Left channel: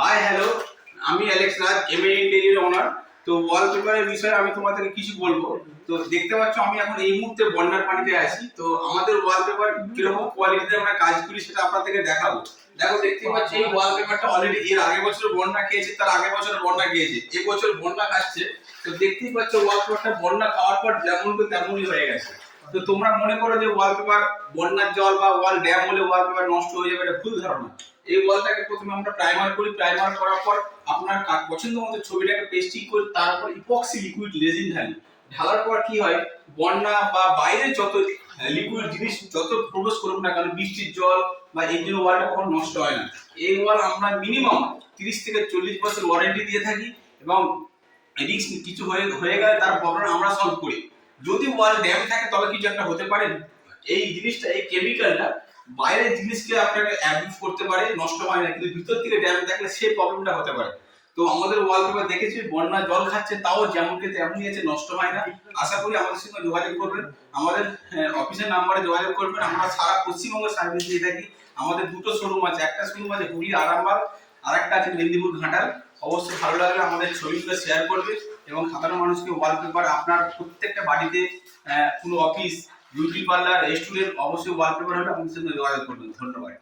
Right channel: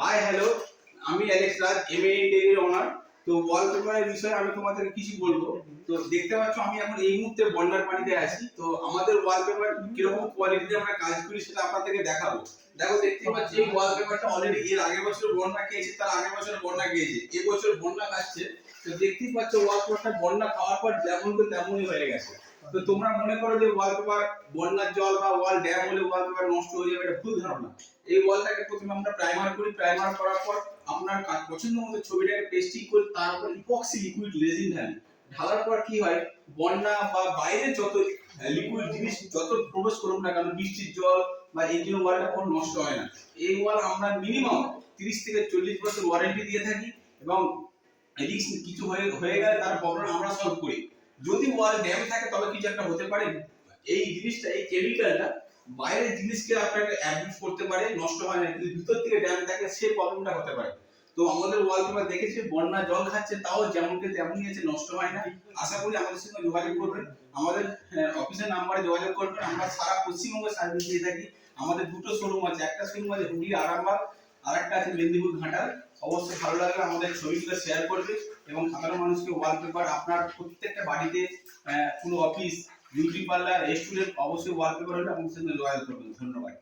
Hi hello, আমি Alex রাজ, MA interior ওনার। তো ওয়ালপেপারের বিষয়ে আমি তোমাদেরকে কিছু বলবো। তো দেখতে পাচ্ছ আমি এখন এই মুহূর্তে বন্যার পানিতে আছি। তো আমাদের ওয়ালপেপার কিরকম কোয়ালিটিতে আমরা কাজ করি সেটা আপনাদেরকে দেখাবো। দেখো, দেখতে পাচ্ছ এই ওয়ালপেপারটা অলরেডি এর আগের বছর বন্যা খেয়েছে, তার আগের বছর বন্যা খেয়েছে, এবছর বন্যা খাচ্ছে। তো দেখতেই পাচ্ছ ওয়ালপেপারটা বন্যা খাওয়ার পর যেমন তেমনই হয়ে গেছে। তো তোমরা মনে করো যে ওয়ালপেপার বন্যার জল বা ওয়াল ড্যাম হলে ওয়ালপেপার নষ্ট হয়ে যাবে, এটা ভুল ধারণা। এই ওয়ালটাকে প্রথমে আমরা প্রাইমার করি, প্রাইমার করার পর আপনার পছন্দ মতো ছবিটাকে পেস্টিং করে তার উপর ইপক্সি লিকুইড রেজিন ঢালি। ঢালার পর কি হয়, বন্যা বা বাইরে যত লিকুইড জিনিস যত প্রবেশ করুক না কেন, বৃষ্টির জল বা এই জন্য ওয়ালটা কখনো নষ্ট হয় না। এই ওয়াল আমরা মিনিমাম 30 থেকে 40 বছর ওয়ারেন্টি দিয়ে থাকি, এবং রিস্ক কিছু হয়ে গেলে তার প্রবলেম আমরা সলভ করি। যদি ওয়াল ড্যাম থাকে তবে কিছু একটা হতে পারে। এই জিনিসটা, এই কেমিক্যালটা বাইরের জিনিসকে আপনাকে অ্যাবজর্ব করতে পারে, নষ্ট হয় না, কিন্তু ভিতর থেকে ড্যামেজ থাকলে সেই প্রবলেমটা হতে পারে। তো আমাদের ওয়ালপেপার দেখেছি বন্যা জল খাচ্ছে, তাও যেমনকে তেমনই আছে, নষ্ট হয় না। আশা করি আমাদের সঙ্গে যোগাযোগ করবেন, আমাদের অফিসের নাম্বারে যোগাযোগ করবেন। আমরা সারা পশ্চিমবঙ্গ সার্ভিস দিয়ে থাকি। আমাদের দুটো শোরুম আছে, একটা শোরুম আছে হুগলি আরামবাগ, আর একটা আছে মেদিনীপুর ঘাটাল। অবশ্যই ভালো লাগলে আমাদের ছবিগুলো শেয়ার করবে, এবং সাধারণ মানুষকে ওয়ালপেপার আপনার প্রত্যেকটা বাড়িতে, কোনো অফিস, বিউটি পার্লার, রেস্টুরেন্ট, অবশ্যই ওয়ালপেপার হলে আমাদের সঙ্গে যোগাযোগ করবেন। ধন্যবাদ।